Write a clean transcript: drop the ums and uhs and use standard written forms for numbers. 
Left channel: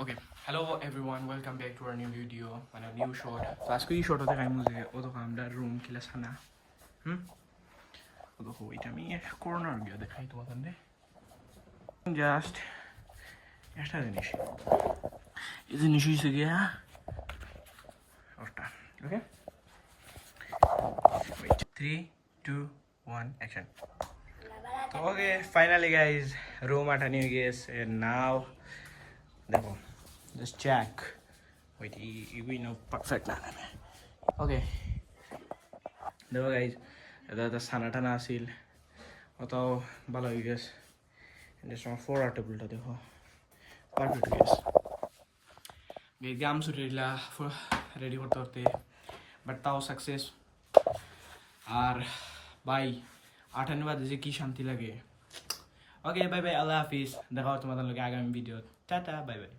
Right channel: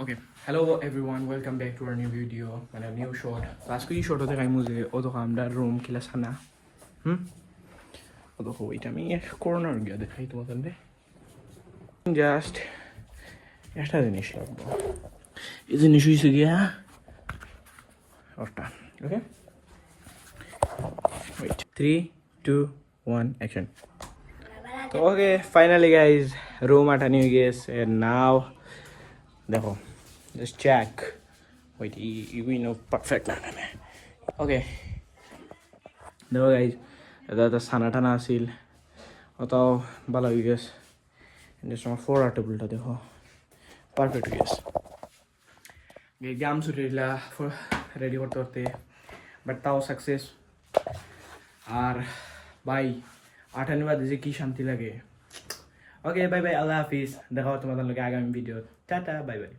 Okay, hello everyone, welcome back to our new video and a new shot. Last week shot होते काई मुझे वो तो काम डाल room किला सना, वो तो कोई टाइम ये corner गया दिखाई तो मतलब ने just ऐसा दिन इशू, इस दिन इशू इसे गया और टा, okay? Wait, 3, 2, 1, action. So okay, finally guys, room at a new guest and now, देखो, just check. Wait, you know perfect ना ना Okay. देखो guys, এটা সানা টানা আছিল ওটাও ভালো হয়ে গেছে just আমার 4 টেবিলটা দেখো পারফেক্ট হয়ে গেছে এক্সাম ছুটিলা রেডি করতে করতে বাট তাও সাকসেস আর ভাই 8 বাজে যে কি শান্তি লাগে ওকে বাই বাই আল্লাহ হাফিজ দেখা হবে তোমাদের লগে আগামী ভিডিও টাটা বাই বাই